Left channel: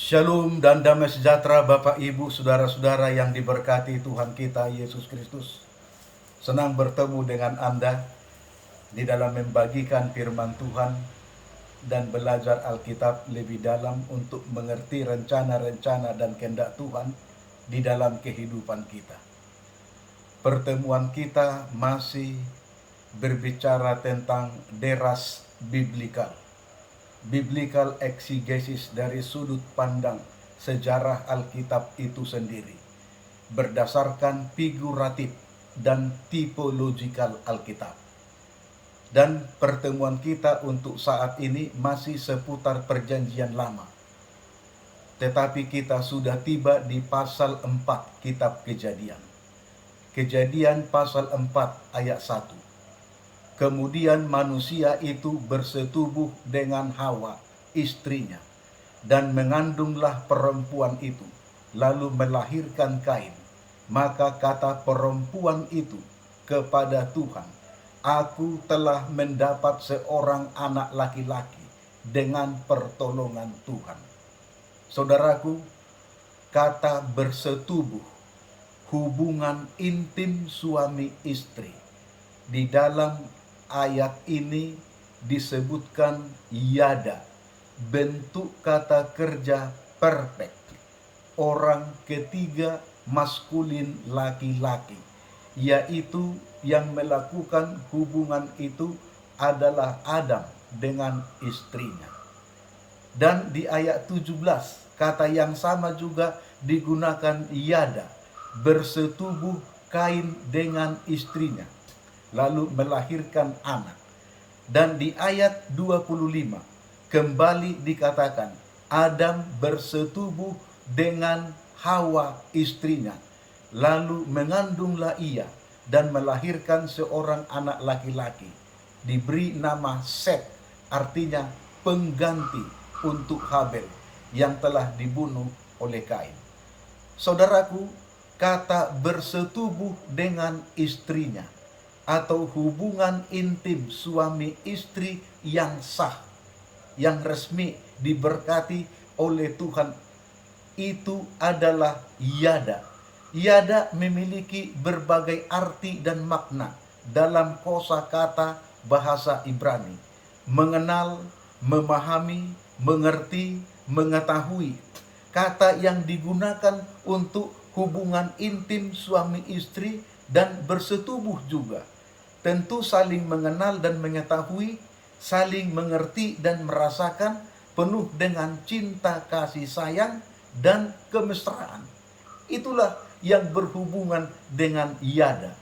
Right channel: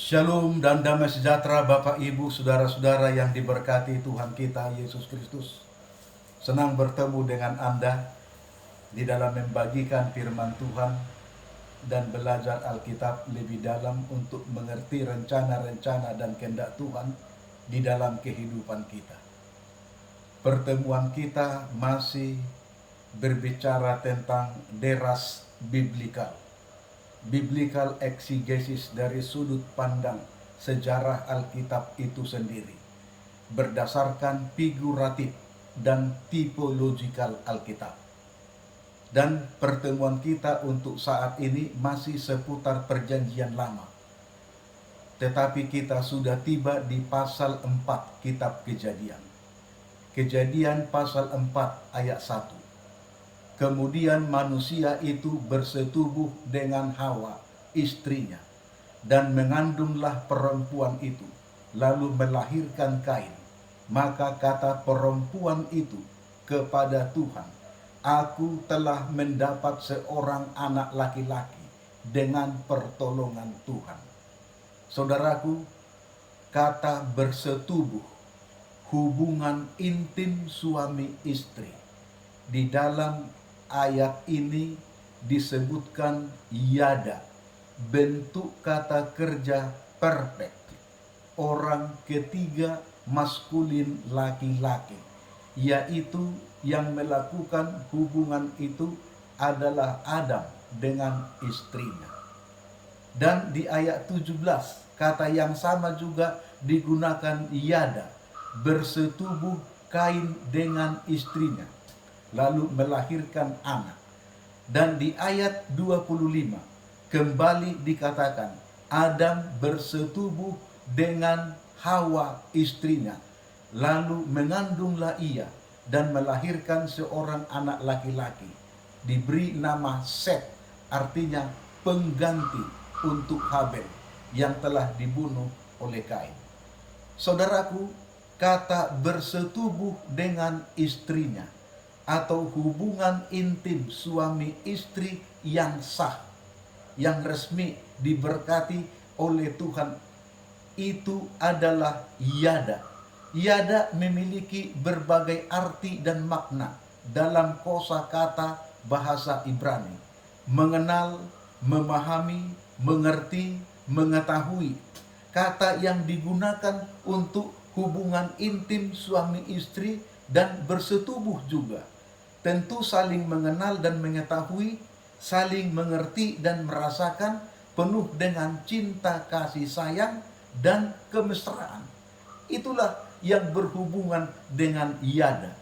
Shalom dan damai sejahtera Bapak Ibu Saudara-saudara yang diberkati Tuhan kita Yesus Kristus. Senang bertemu dengan Anda di dalam membagikan firman Tuhan dan belajar Alkitab lebih dalam untuk mengerti rencana-rencana dan kehendak Tuhan di dalam kehidupan kita. Pertemuan kita masih berbicara tentang deras biblikal. Biblical exegesis dari sudut pandang sejarah Alkitab itu sendiri, berdasarkan figuratif dan tipologikal Alkitab. Dan pertemuan kita untuk saat ini masih seputar perjanjian lama. Tetapi kita sudah tiba di pasal 4 kitab Kejadian. Kejadian pasal 4 ayat 1. Kemudian manusia itu bersetubuh dengan Hawa, istrinya, dan mengandunglah perempuan itu, lalu melahirkan Kain. Maka kata perempuan itu kepada Tuhan, "Aku telah mendapat seorang anak laki-laki dengan pertolongan Tuhan." Saudaraku, kata bersetubuh, hubungan intim suami istri, di dalam ayat ini disebutkan yada, bentuk kata kerja perfect, orang ketiga maskulin laki-laki, yaitu yang melakukan hubungan itu adalah Adam dengan istrinya. Dan di ayat 17 kata yang sama juga digunakan yada, bersetubuh Kain dengan istrinya, lalu melahirkan anak. Dan di ayat 25 kembali dikatakan Adam bersetubuh dengan Hawa istrinya, lalu mengandunglah ia dan melahirkan seorang anak laki-laki, diberi nama Set, artinya pengganti untuk Habel yang telah dibunuh oleh Kain. Saudaraku, kata bersetubuh dengan istrinya atau hubungan intim suami istri yang sah, yang resmi diberkati oleh Tuhan, itu adalah yada. Yada memiliki berbagai arti dan makna dalam kosakata bahasa Ibrani. Mengenal, memahami, mengerti, mengetahui. Kata yang digunakan untuk hubungan intim suami istri dan bersetubuh juga. Tentu saling mengenal dan mengetahui, saling mengerti dan merasakan, penuh dengan cinta kasih sayang dan kemesraan. Itulah yang berhubungan dengan yada,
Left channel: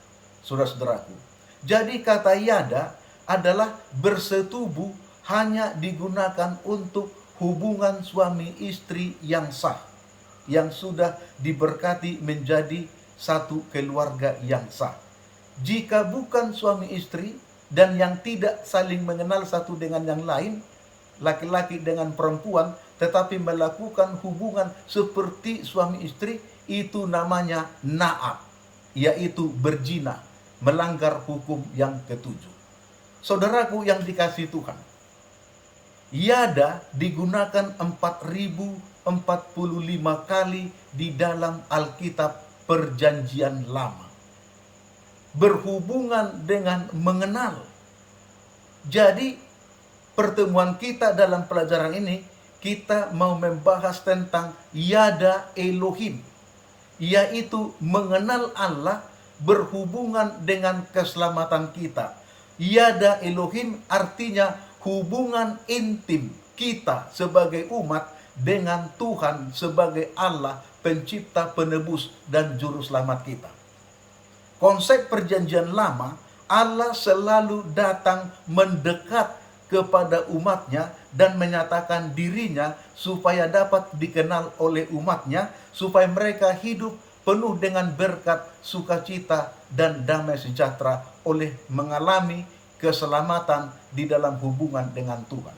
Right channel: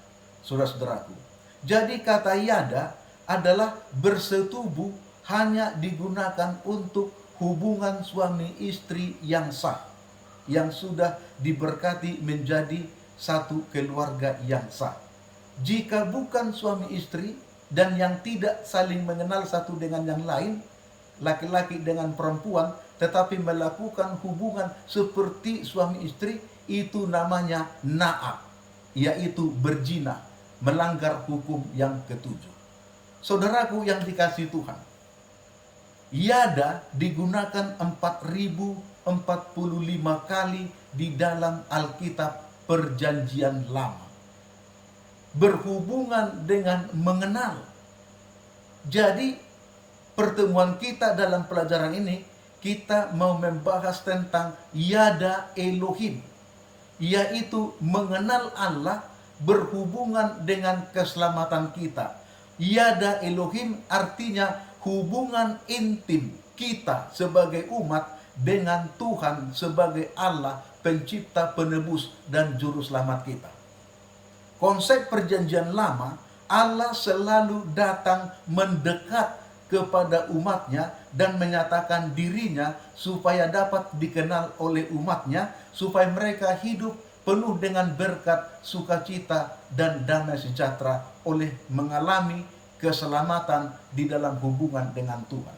saudara-saudaraku. Jadi kata yada adalah bersetubuh hanya digunakan untuk hubungan suami istri yang sah, yang sudah diberkati menjadi satu keluarga yang sah. Jika bukan suami istri dan yang tidak saling mengenal satu dengan yang lain, laki-laki dengan perempuan, tetapi melakukan hubungan seperti suami istri, itu namanya na'ab, yaitu berzina, melanggar hukum yang ketujuh. Saudaraku yang dikasihi Tuhan, yada digunakan 4045 kali di dalam Alkitab Perjanjian Lama. Berhubungan dengan mengenal. Jadi pertemuan kita dalam pelajaran ini, kita mau membahas tentang yada Elohim, yaitu mengenal Allah berhubungan dengan keselamatan kita. Yada Elohim artinya hubungan intim kita sebagai umat dengan Tuhan sebagai Allah, pencipta, penebus, dan juru selamat kita. Konsep perjanjian lama, Allah selalu datang mendekat kepada umatnya dan menyatakan dirinya supaya dapat dikenal oleh umatnya, supaya mereka hidup penuh dengan berkat, sukacita, dan damai sejahtera oleh mengalami keselamatan di dalam hubungan dengan Tuhan.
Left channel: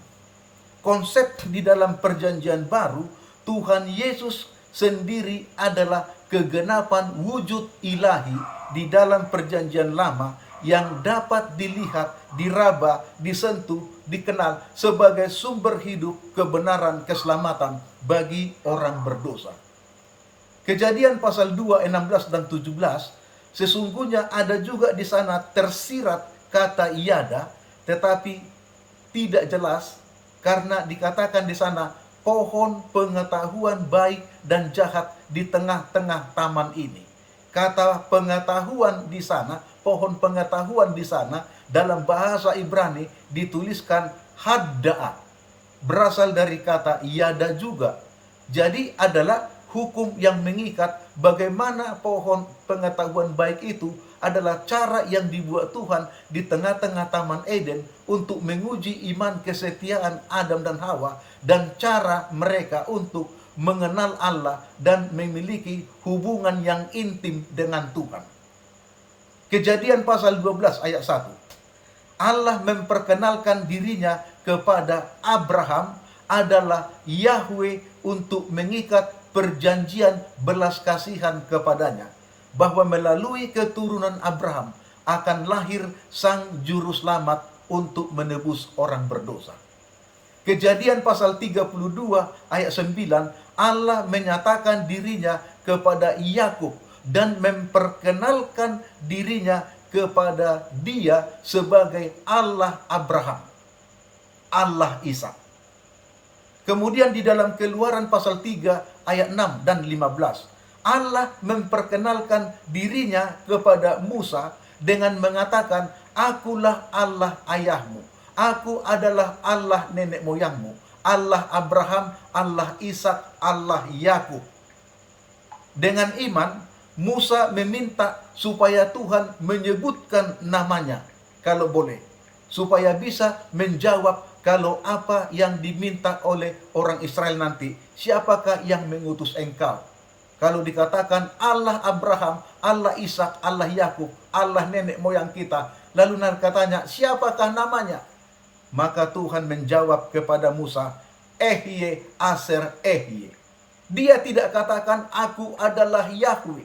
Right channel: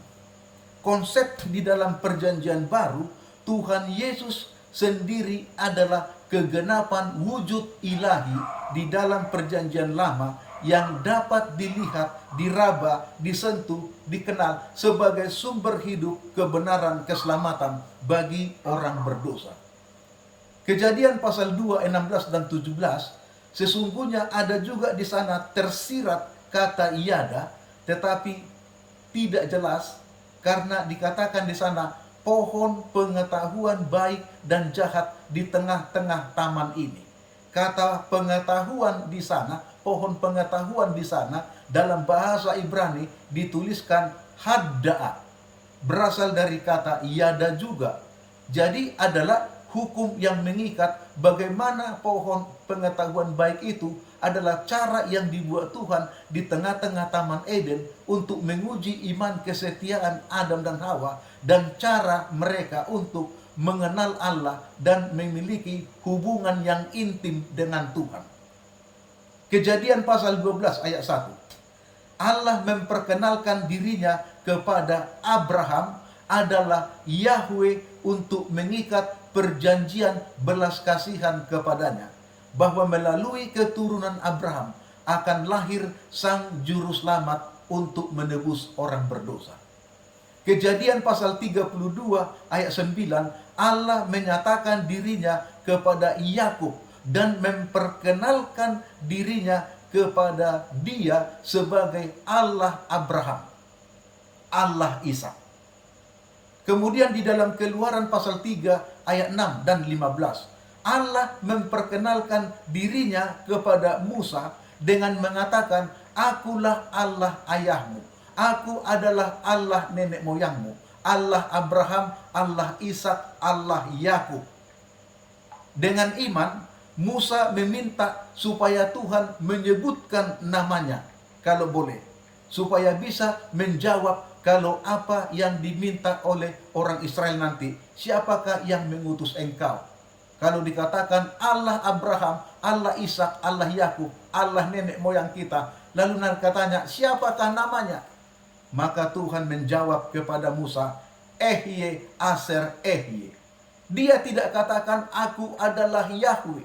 Konsep di dalam perjanjian baru, Tuhan Yesus sendiri adalah kegenapan wujud ilahi di dalam perjanjian lama yang dapat dilihat, diraba, disentuh, dikenal sebagai sumber hidup, kebenaran, keselamatan bagi orang berdosa. Kejadian pasal 2, 16 dan 17, sesungguhnya ada juga di sana tersirat kata yada, tetapi tidak jelas karena dikatakan di sana pohon pengetahuan baik dan jahat di tengah-tengah taman ini. Kata pengetahuan di sana, pohon pengetahuan di sana dalam bahasa Ibrani dituliskan hadda'a, berasal dari kata yada juga. Jadi adalah hukum yang mengikat. Bagaimana pohon pengetahuan baik itu adalah cara yang dibuat Tuhan di tengah-tengah Taman Eden untuk menguji iman kesetiaan Adam dan Hawa, dan cara mereka untuk mengenal Allah dan memiliki hubungan yang intim dengan Tuhan. Kejadian pasal 12 ayat 1. Allah memperkenalkan dirinya kepada Abraham adalah Yahweh untuk mengikat perjanjian belas kasihan kepadanya, bahwa melalui keturunan Abraham akan lahir sang juru selamat untuk menebus orang berdosa. Kejadian pasal 32 ayat 9, Allah menyatakan dirinya kepada Yakub dan memperkenalkan dirinya kepada dia sebagai Allah Abraham, Allah Ishak. Kemudian di dalam Keluaran pasal 3 ayat 6 dan 15, Allah memperkenalkan dirinya kepada Musa dengan mengatakan, akulah Allah ayahmu, aku adalah Allah nenek moyangmu, Allah Abraham, Allah Ishak, Allah Yakub. Dengan iman, Musa meminta supaya Tuhan menyebutkan namanya, kalau boleh, supaya bisa menjawab kalau apa yang diminta oleh orang Israel nanti, siapakah yang mengutus engkau? Kalau dikatakan Allah Abraham, Allah Ishak, Allah Yakub, Allah nenek moyang kita, lalu katanya, siapakah namanya? Maka Tuhan menjawab kepada Musa, Ehye Aser Ehye. Dia tidak katakan aku adalah Yahweh.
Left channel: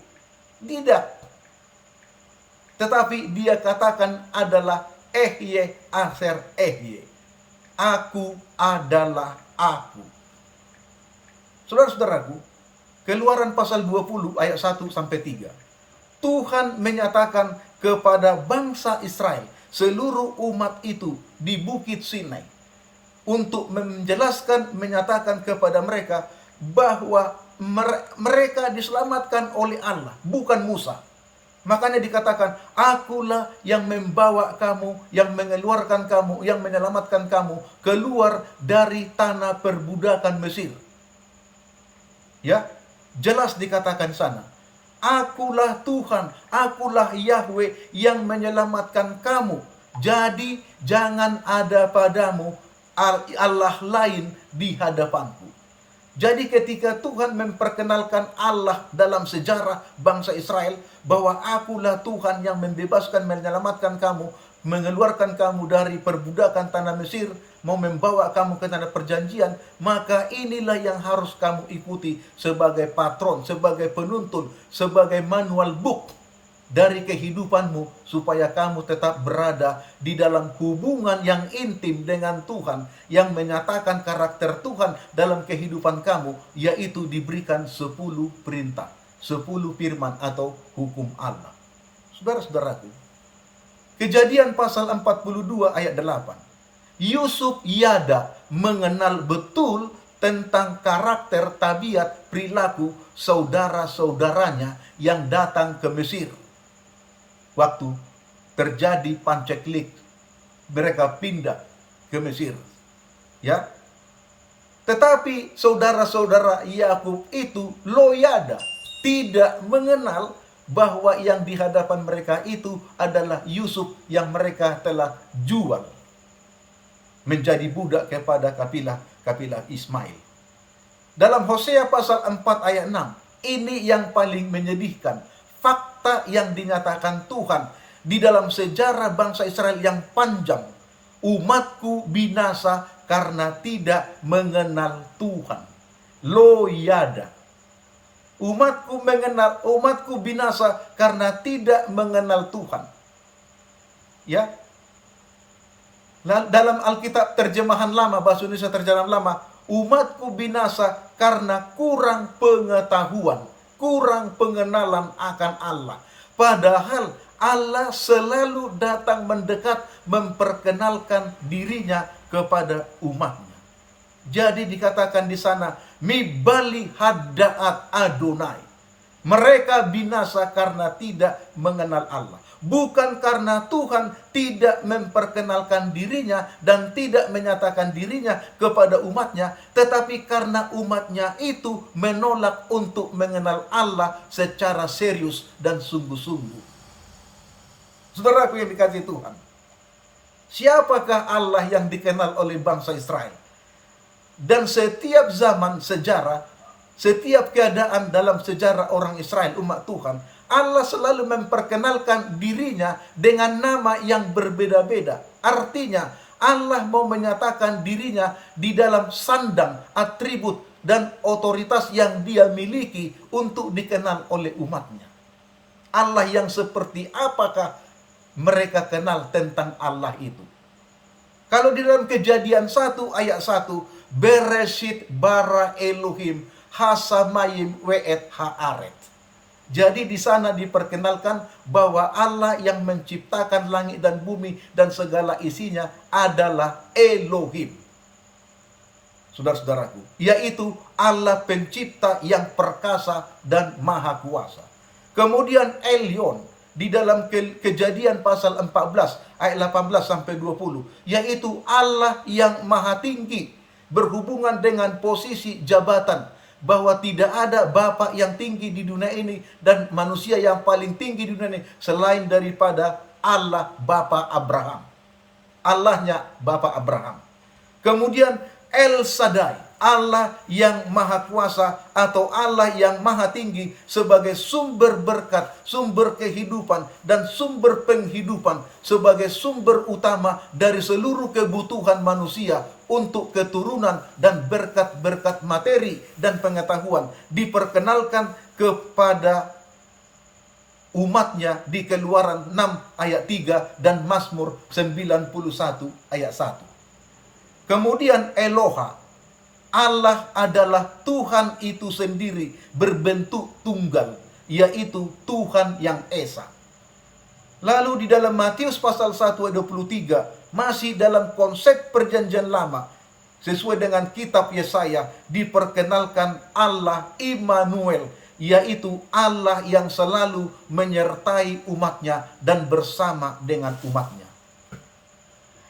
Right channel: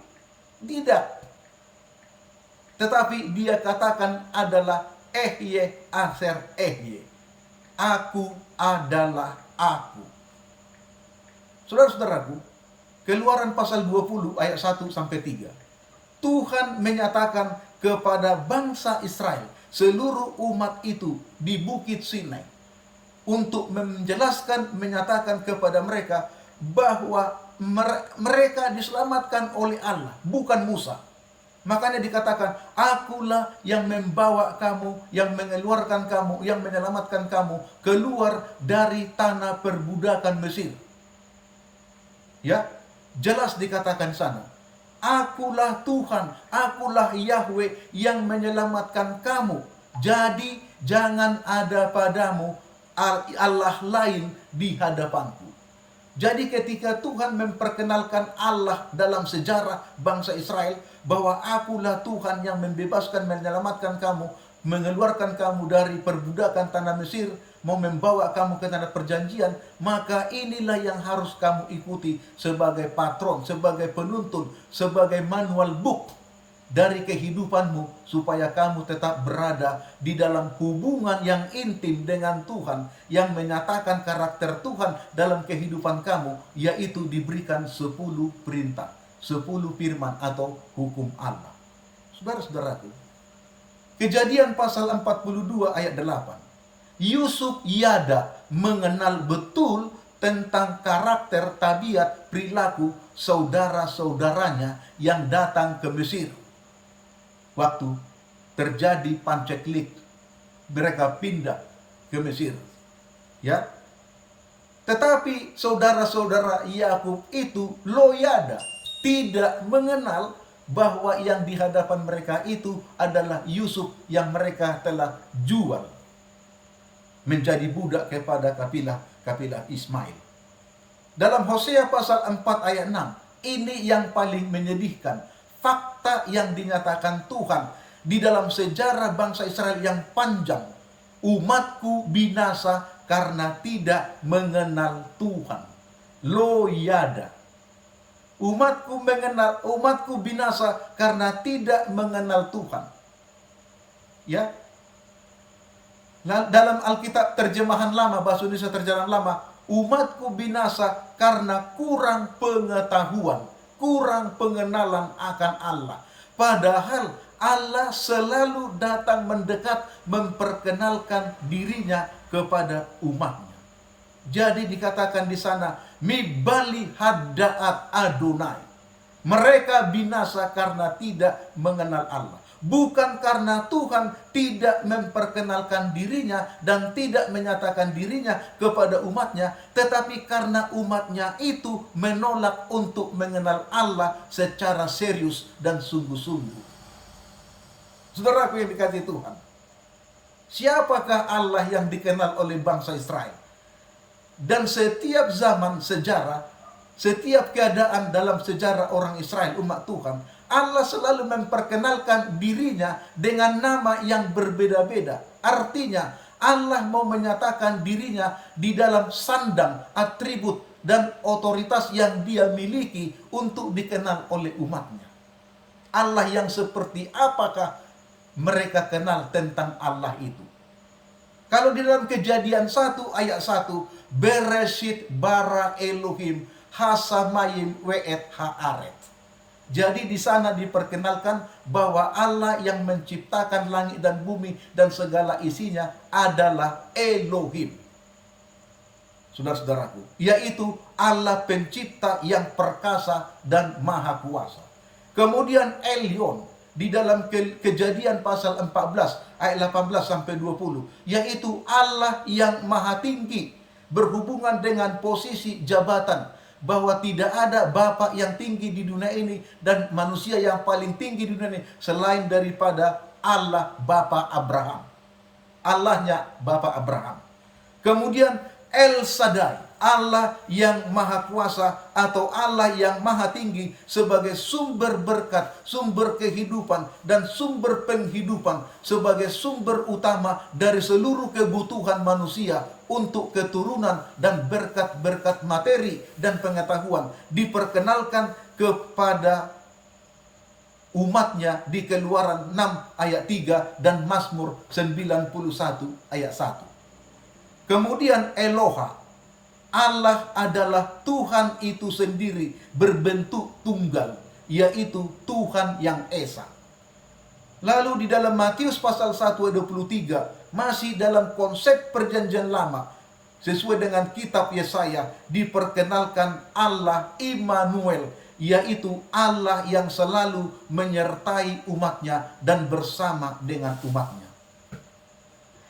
Tidak. Tetapi dia katakan adalah Ehye Aser Ehye. Aku adalah aku. Saudara-saudaraku, Keluaran pasal 20 ayat 1 sampai 3. Tuhan menyatakan kepada bangsa Israel, seluruh umat itu di Bukit Sinai, untuk menjelaskan, menyatakan kepada mereka bahwa mereka diselamatkan oleh Allah, bukan Musa. Makanya dikatakan, akulah yang membawa kamu, yang mengeluarkan kamu, yang menyelamatkan kamu keluar dari tanah perbudakan Mesir. Ya, jelas dikatakan sana, akulah Tuhan, akulah Yahweh yang menyelamatkan kamu. Jadi jangan ada padamu Allah lain di hadapanku. Jadi ketika Tuhan memperkenalkan Allah dalam sejarah bangsa Israel, bahwa akulah Tuhan yang membebaskan, menyelamatkan kamu, mengeluarkan kamu dari perbudakan tanah Mesir, mau membawa kamu ke tanah perjanjian, maka inilah yang harus kamu ikuti sebagai patron, sebagai penuntun, sebagai manual book dari kehidupanmu, supaya kamu tetap berada di dalam hubungan yang intim dengan Tuhan, yang menyatakan karakter Tuhan dalam kehidupan kamu, yaitu diberikan 10 perintah, 10 firman atau hukum Allah. Saudara-saudaraku, Kejadian pasal 42 ayat 8. Yusuf Yada mengenal betul tentang karakter, tabiat, perilaku saudara-saudaranya yang datang ke Mesir. Waktu terjadi panceklik, mereka pindah ke Mesir. Ya. Tetapi saudara-saudara Yakub itu loyada, tidak mengenal bahwa yang di hadapan mereka itu adalah Yusuf yang mereka telah jual menjadi budak kepada kabilah Ismail. Dalam Hosea pasal 4 ayat 6, ini yang paling menyedihkan. Fakta yang dinyatakan Tuhan di dalam sejarah bangsa Israel yang panjang. Umatku binasa karena tidak mengenal Tuhan. Loyada. Umatku binasa karena tidak mengenal Tuhan. Ya, dalam Alkitab terjemahan lama, bahasa Indonesia terjemahan lama, umatku binasa karena kurang pengetahuan, kurang pengenalan akan Allah. Padahal Allah selalu datang mendekat memperkenalkan dirinya kepada umatnya. Jadi dikatakan di sana, Mibali hadaat Adonai. Mereka binasa karena tidak mengenal Allah. Bukan karena Tuhan tidak memperkenalkan dirinya dan tidak menyatakan dirinya kepada umatnya, tetapi karena umatnya itu menolak untuk mengenal Allah secara serius dan sungguh-sungguh. Saudaraku yang dikasihi Tuhan, siapakah Allah yang dikenal oleh bangsa Israel? Dan setiap zaman sejarah, setiap keadaan dalam sejarah orang Israel, umat Tuhan, Allah selalu memperkenalkan dirinya dengan nama yang berbeda-beda. Artinya, Allah mau menyatakan dirinya di dalam sandang, atribut, dan otoritas yang dia miliki untuk dikenal oleh umatnya. Allah yang seperti apakah mereka kenal tentang Allah itu? Kalau di dalam Kejadian 1 ayat 1, Bereshit bara Elohim hasamayim we'et haaret. Jadi di sana diperkenalkan bahwa Allah yang menciptakan langit dan bumi dan segala isinya adalah Elohim. Saudara-saudaraku, yaitu Allah pencipta yang perkasa dan maha kuasa. Kemudian Elyon di dalam Kejadian pasal 14 ayat 18 sampai 20, yaitu Allah yang maha tinggi berhubungan dengan posisi jabatan, bahwa tidak ada Bapa yang tinggi di dunia ini dan manusia yang paling tinggi di dunia ini selain daripada Allah Bapa Abraham. Allahnya Bapa Abraham. Kemudian El Shaddai, Allah yang maha kuasa atau Allah yang maha tinggi sebagai sumber berkat, sumber kehidupan, dan sumber penghidupan, sebagai sumber utama dari seluruh kebutuhan manusia untuk keturunan dan berkat-berkat materi dan pengetahuan diperkenalkan kepada umatnya di Keluaran 6 ayat 3 dan Mazmur 91 ayat 1. Kemudian Eloha, Allah adalah Tuhan itu sendiri berbentuk tunggal, yaitu Tuhan yang Esa. Lalu di dalam Matius pasal 1 ayat 23, masih dalam konsep perjanjian lama, sesuai dengan kitab Yesaya, diperkenalkan Allah Immanuel, yaitu Allah yang selalu menyertai umatnya dan bersama dengan umatnya.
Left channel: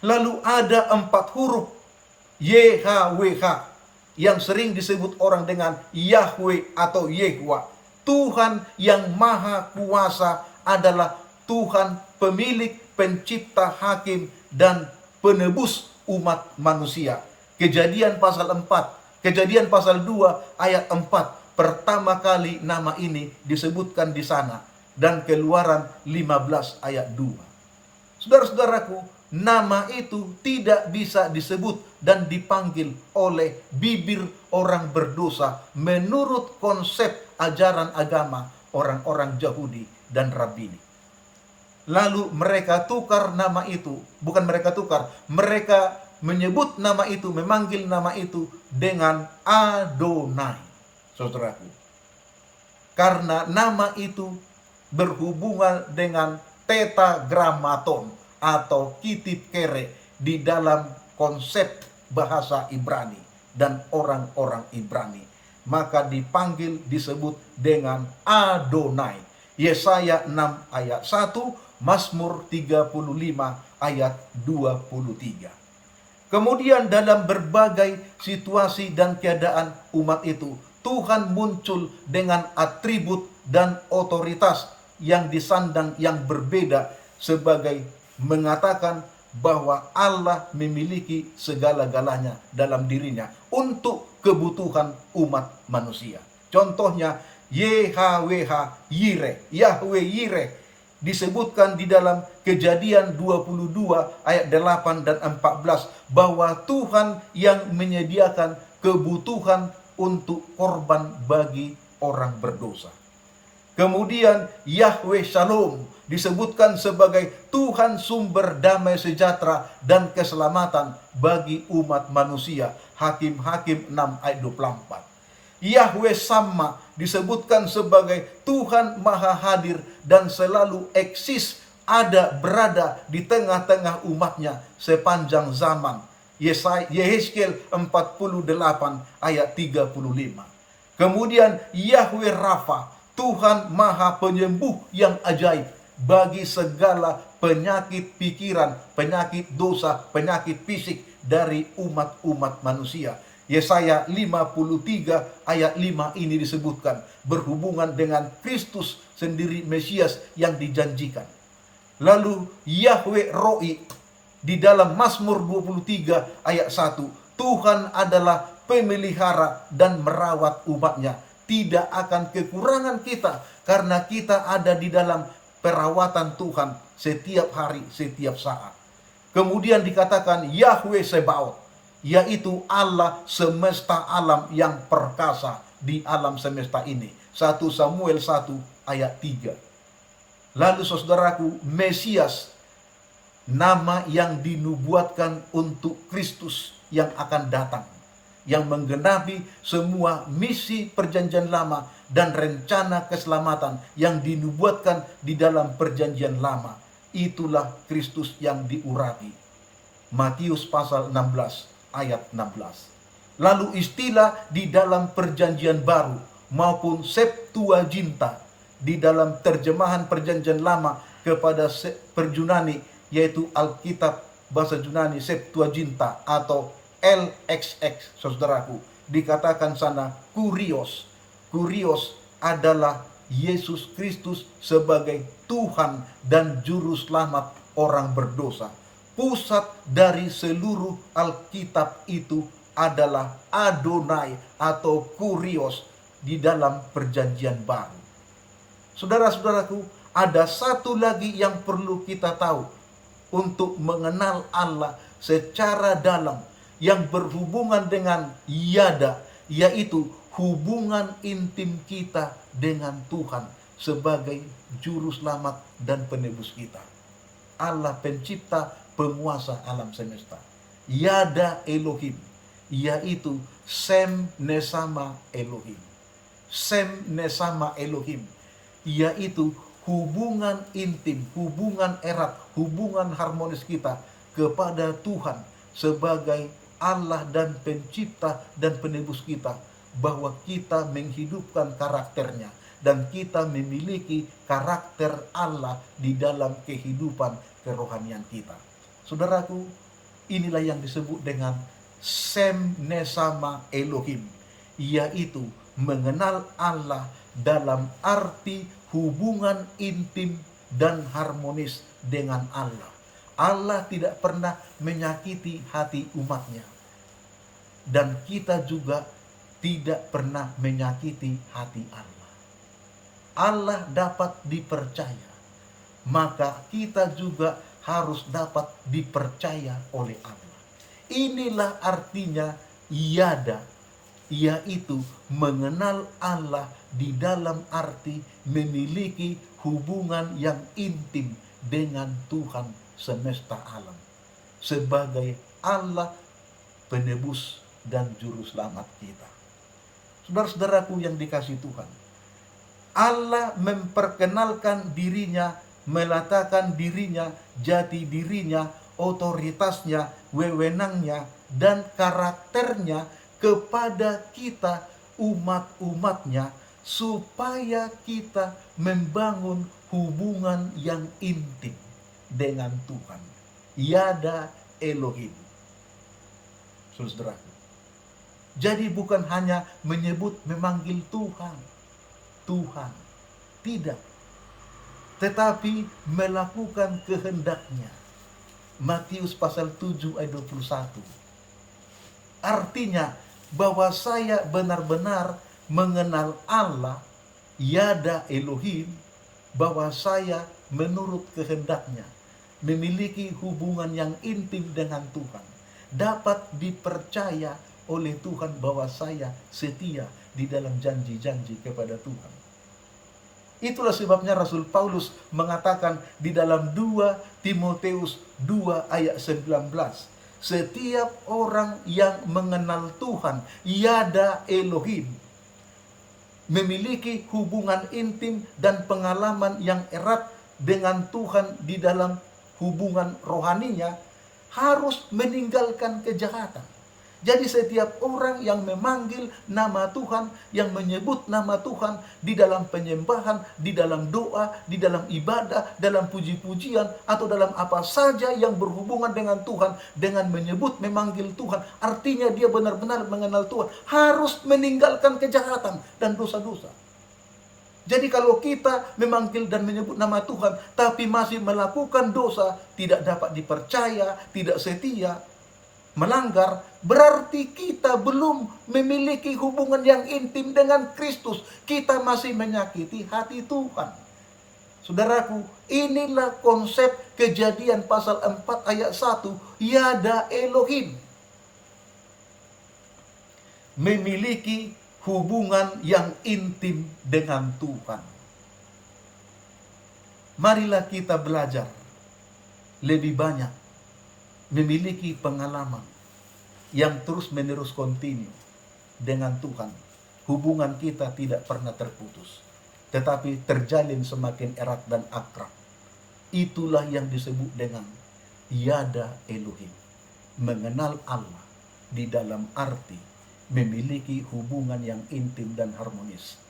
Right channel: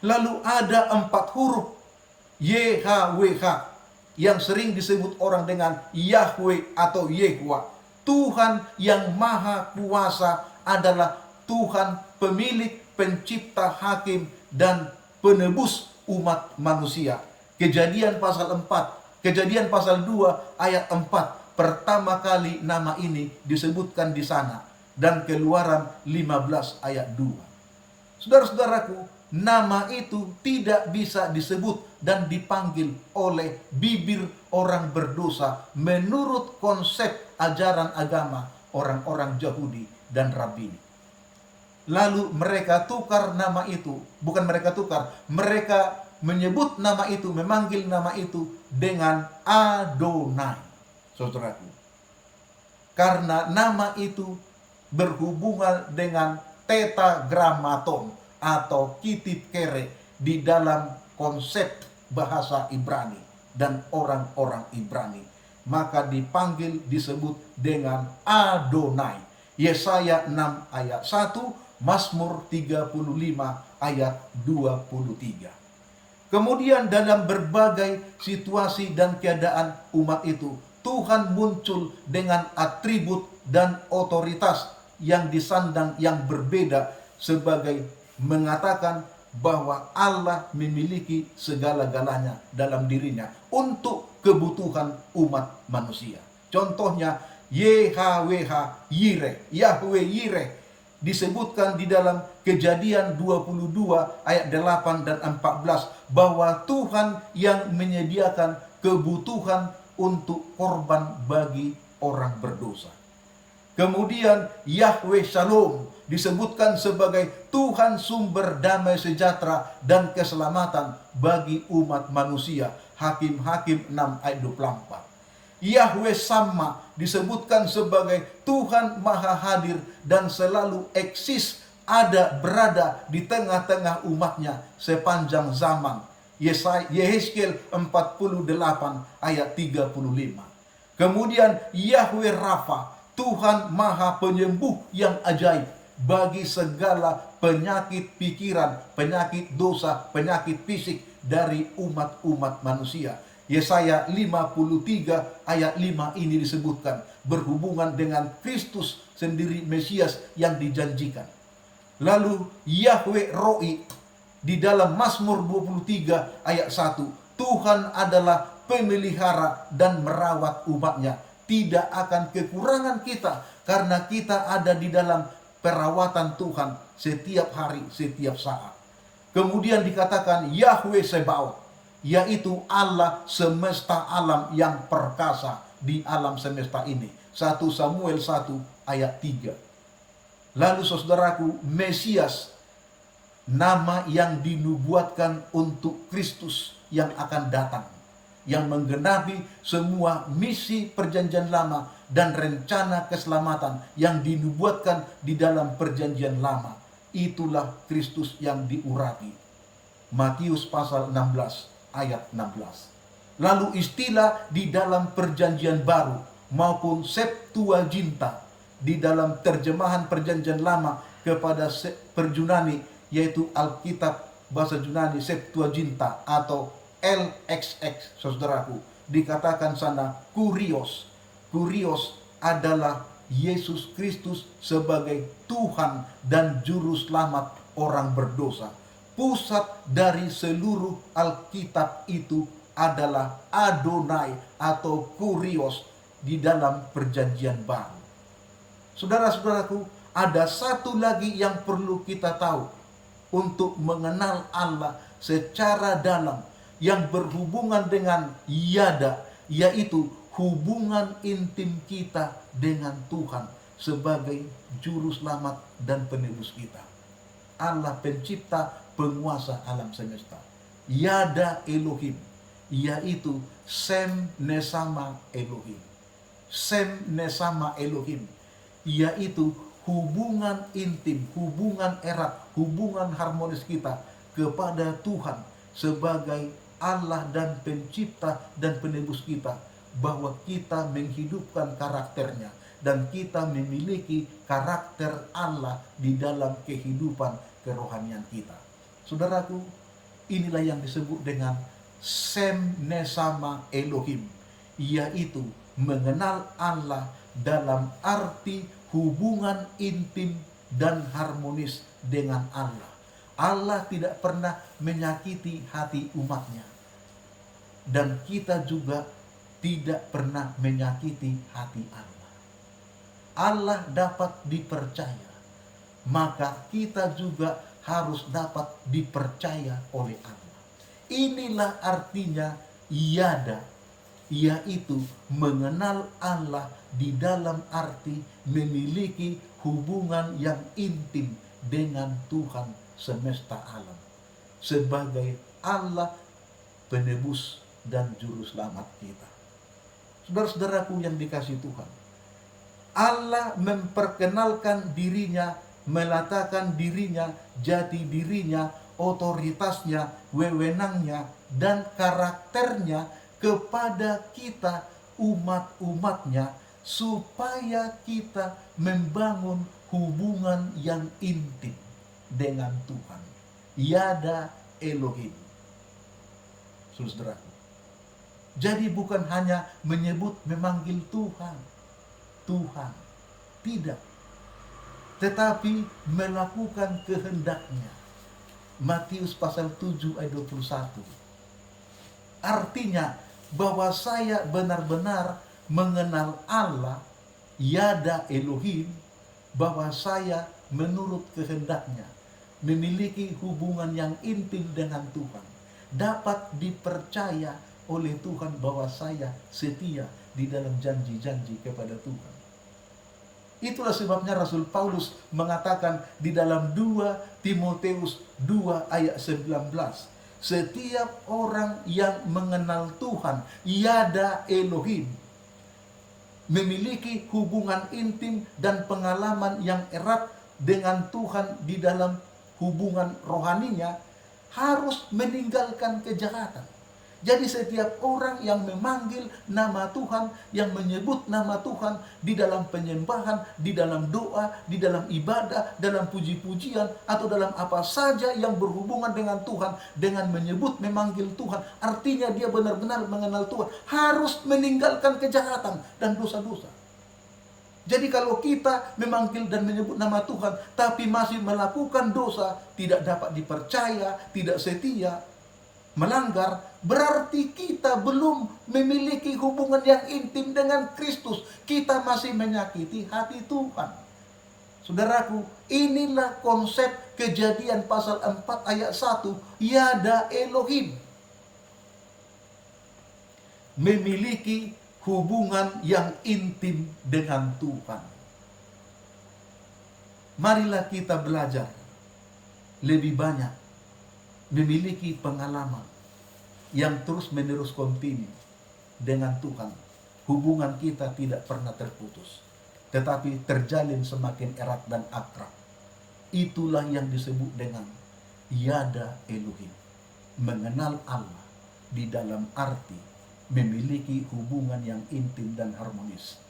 Lalu ada 4 huruf YHWH yang sering disebut orang dengan Yahweh atau Yehwa. Tuhan yang maha kuasa adalah Tuhan pemilik, pencipta, hakim, dan penebus umat manusia. Kejadian pasal 4, Kejadian pasal 2 ayat 4, pertama kali nama ini disebutkan di sana. Dan Keluaran 15 ayat 2. Saudara-saudaraku, nama itu tidak bisa disebut dan dipanggil oleh bibir orang berdosa menurut konsep ajaran agama orang-orang Yahudi dan Rabini. Lalu mereka tukar nama itu, bukan mereka tukar, mereka menyebut nama itu, memanggil nama itu dengan Adonai, saudaraku. Karena nama itu berhubungan dengan tetragrammaton atau kitab kere di dalam konsep bahasa Ibrani dan orang-orang Ibrani, maka dipanggil disebut dengan Adonai. Yesaya 6 ayat 1, Mazmur 35 ayat 23. Kemudian dalam berbagai situasi dan keadaan umat itu, Tuhan muncul dengan atribut dan otoritas yang disandang yang berbeda, sebagai mengatakan bahwa Allah memiliki segala-galanya dalam dirinya untuk kebutuhan umat manusia. Contohnya YHWH Yireh, Yahweh Yireh, disebutkan di dalam Kejadian 22 ayat 8 dan 14 bahwa Tuhan yang menyediakan kebutuhan untuk korban bagi orang berdosa. Kemudian Yahweh Shalom disebutkan sebagai Tuhan sumber damai sejahtera dan keselamatan bagi umat manusia. Hakim-Hakim 6 ayat 24. Yahweh Sama disebutkan sebagai Tuhan Maha Hadir dan selalu eksis, ada berada di tengah-tengah umatnya sepanjang zaman. Yehezkiel 48 ayat 35. Kemudian Yahweh Rafa, Tuhan Maha Penyembuh yang ajaib bagi segala penyakit pikiran, penyakit dosa, penyakit fisik dari umat-umat manusia. Yesaya 53 ayat 5 ini disebutkan berhubungan dengan Kristus sendiri, Mesias yang dijanjikan. Lalu Yahweh Roi di dalam Mazmur 23 ayat 1, Tuhan adalah pemelihara dan merawat umatnya. Tidak akan kekurangan kita karena kita ada di dalam perawatan Tuhan setiap hari, setiap saat. Kemudian dikatakan Yahweh Sebaot, yaitu Allah semesta alam yang perkasa di alam semesta ini. 1 Samuel 1 ayat 3. Lalu saudaraku, Mesias, nama yang dinubuatkan untuk Kristus yang akan datang, yang menggenapi semua misi perjanjian lama dan rencana keselamatan yang dinubuatkan di dalam perjanjian lama. Itulah Kristus yang diurapi. Matius pasal 16 ayat 16. Lalu istilah di dalam perjanjian baru maupun Septuaginta di dalam terjemahan perjanjian lama kepada Perjunani, yaitu Alkitab bahasa Yunani Septuaginta atau LXX, saudaraku, dikatakan sana Kurios. Kurios adalah Yesus Kristus sebagai Tuhan dan Juru Selamat orang berdosa. Pusat dari seluruh Alkitab itu adalah Adonai atau Kurios di dalam perjanjian baru. Saudara-saudaraku, ada satu lagi yang perlu kita tahu untuk mengenal Allah secara dalam, yang berhubungan dengan yada, yaitu hubungan intim kita dengan Tuhan sebagai juru selamat dan penebus kita. Allah pencipta, penguasa alam semesta. Yada Elohim, yaitu Sem Nesama Elohim. Sem Nesama Elohim, yaitu hubungan intim, hubungan erat, hubungan harmonis kita kepada Tuhan sebagai Allah dan pencipta dan penebus kita, bahwa kita menghidupkan karakternya dan kita memiliki karakter Allah di dalam kehidupan kerohanian kita. Saudaraku, inilah yang disebut dengan Sem Nesama Elohim, yaitu mengenal Allah dalam arti hubungan intim dan harmonis dengan Allah. Allah tidak pernah menyakiti hati umatnya, dan kita juga tidak pernah menyakiti hati Allah. Allah dapat dipercaya, maka kita juga harus dapat dipercaya oleh Allah. Inilah artinya yada, yaitu mengenal Allah di dalam arti memiliki hubungan yang intim dengan Tuhan semesta alam sebagai Allah penebus dan juru selamat kita. Saudara-saudaraku yang dikasihi Tuhan, Allah memperkenalkan dirinya, meletakkan dirinya, jati dirinya, otoritasnya, wewenangnya, dan karakternya kepada kita umat-umatnya, supaya kita membangun hubungan yang intim dengan Tuhan. Yada Elohim. Saudaraku, jadi bukan hanya menyebut, memanggil Tuhan, Tuhan, tidak, tetapi melakukan kehendaknya. Matius pasal 7 ayat 21. Artinya bahwa saya benar-benar mengenal Allah, yada Elohim, bahwa saya menurut kehendaknya, memiliki hubungan yang intim dengan Tuhan, dapat dipercaya oleh Tuhan bahwa saya setia di dalam janji-janji kepada Tuhan. Itulah sebabnya Rasul Paulus mengatakan di dalam 2 Timoteus 2 ayat 19. Setiap orang yang mengenal Tuhan, yada Elohim, memiliki hubungan intim dan pengalaman yang erat dengan Tuhan di dalam hubungan rohaninya, harus meninggalkan kejahatan. Jadi setiap orang yang memanggil nama Tuhan, yang menyebut nama Tuhan di dalam penyembahan, di dalam doa, di dalam ibadah, dalam puji-pujian, atau dalam apa saja yang berhubungan dengan Tuhan, dengan menyebut, memanggil Tuhan, artinya dia benar-benar mengenal Tuhan, harus meninggalkan kejahatan dan dosa-dosa. Jadi kalau kita memanggil dan menyebut nama Tuhan, tapi masih melakukan dosa, tidak dapat dipercaya, tidak setia, melanggar, berarti kita belum memiliki hubungan yang intim dengan Kristus. Kita masih menyakiti hati Tuhan. Saudaraku, inilah konsep Kejadian pasal 4 ayat 1, yada Elohim. Memiliki hubungan yang intim dengan Tuhan. Marilah kita belajar lebih banyak, memiliki pengalaman yang terus-menerus kontinu dengan Tuhan. Hubungan kita tidak pernah terputus, tetapi terjalin semakin erat dan akrab. Itulah yang disebut dengan yada Elohim. Mengenal Allah di dalam arti memiliki hubungan yang intim dan harmonis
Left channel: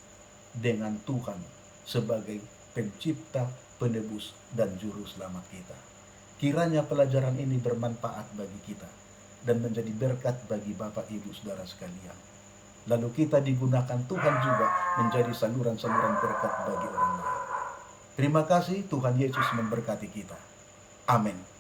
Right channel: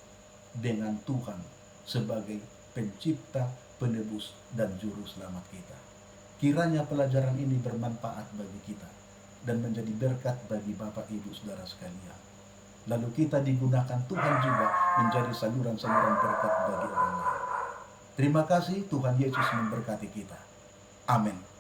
dengan Tuhan sebagai pencipta, penebus, dan juru selamat kita. Kiranya pelajaran ini bermanfaat bagi kita dan menjadi berkat bagi Bapak, Ibu, Saudara sekalian. Lalu kita digunakan Tuhan juga menjadi saluran-saluran berkat bagi orang lain. Terima kasih, Tuhan Yesus memberkati kita. Amin.